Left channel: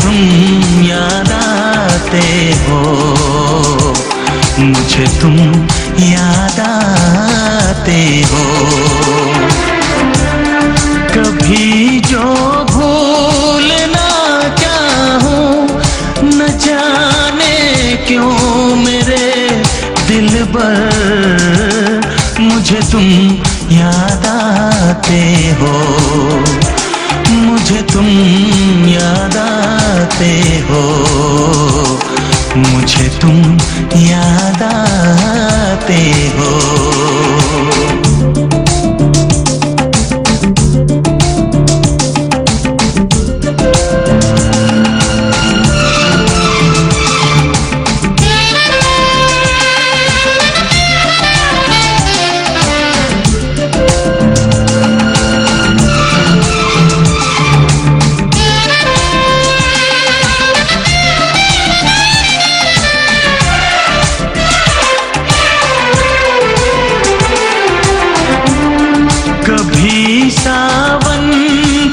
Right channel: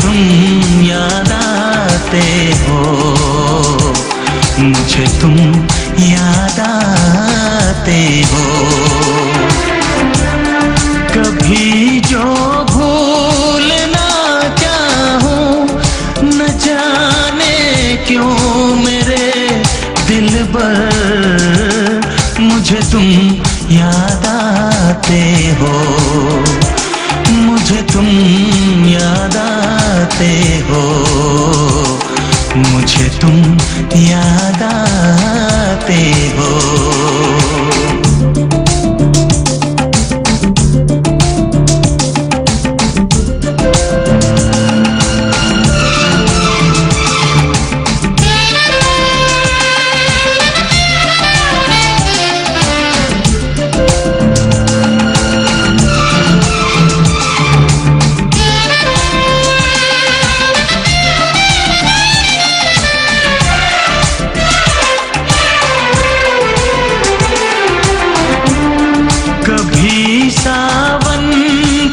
तुम याद आते हो, मुझे तुम याद आते हो। कभी जो भूल ना चाहूं, न जाने क्यों मेरे दिलबर, मुझे तुम याद आते हो, मुझे तुम याद आते हो, मुझे तुम याद आते हो। सावन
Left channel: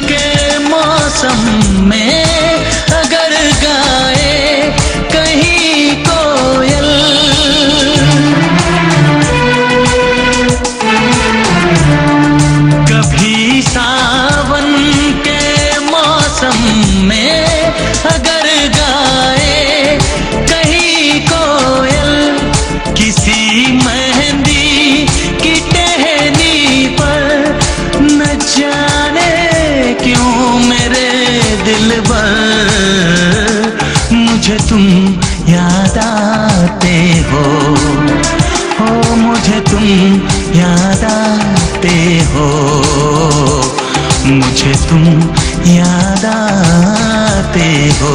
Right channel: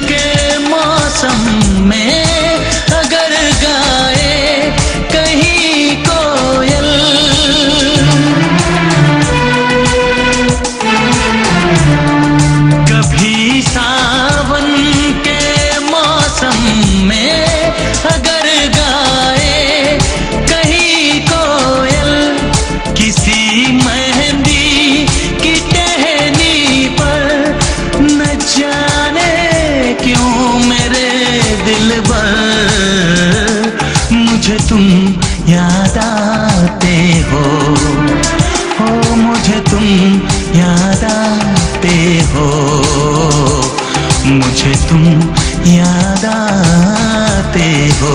के मौसम में अगर गाए कहीं कोयल, कभी सावन के मौसम में अगर गाए कहीं कोयल, किसी मेहंदी की टहनी पर, न जाने क्यों मेरे दिलबर, मुझे तुम याद आते हो, मुझे तुम याद आते हो, मुझे तुम याद आते हो।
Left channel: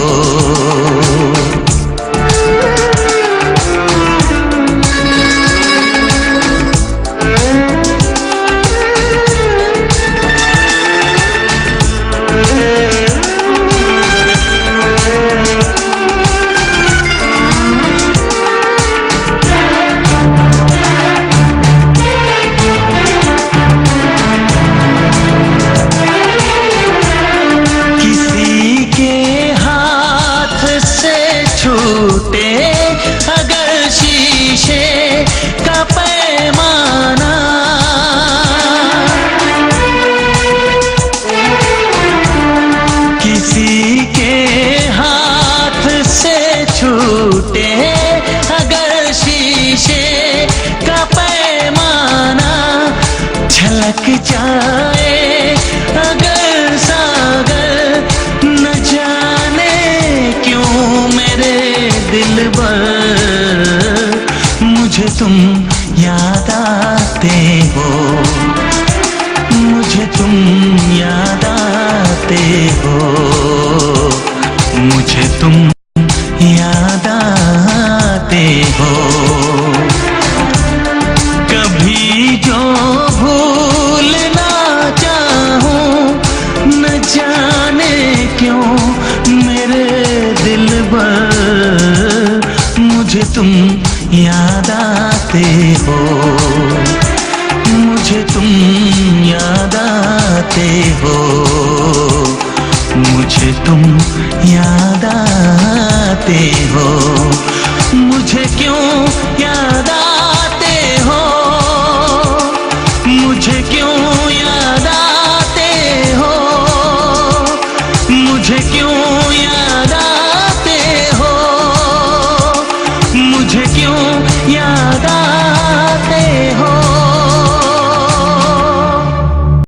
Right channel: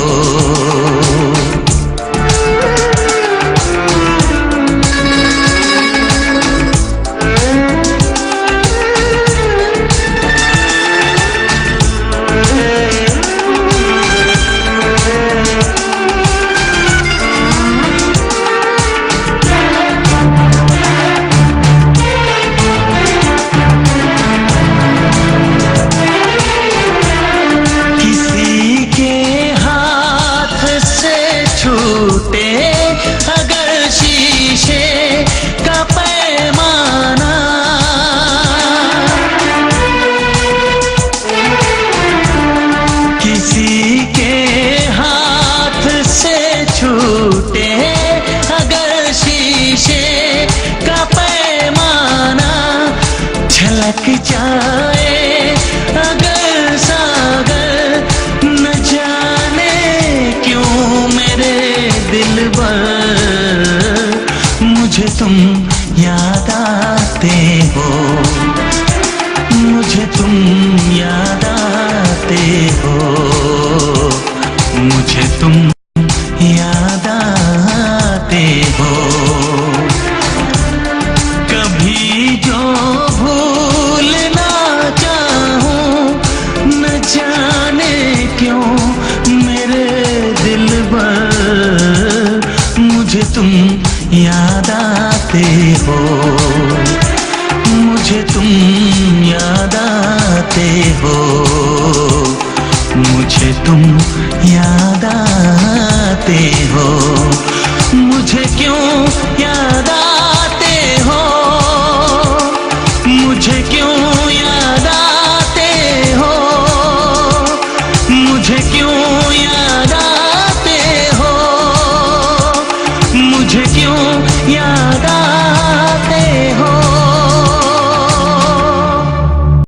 अगर शीशे का पैमाना, किसी के हाथ से छूटे अगर शीशे का पैमाना, झलक जाए अगर सागर, न जाने क्यों मेरे दिलबर, मुझे तुम याद आते हो, मुझे तुम याद आते हो, मुझे तुम याद आते हो। कभी जो भूल ना चाहूं, न जाने क्यों मेरे दिलबर, मुझे तुम याद आते हो, मुझे तुम याद आते हो, मुझे तुम याद आते हो।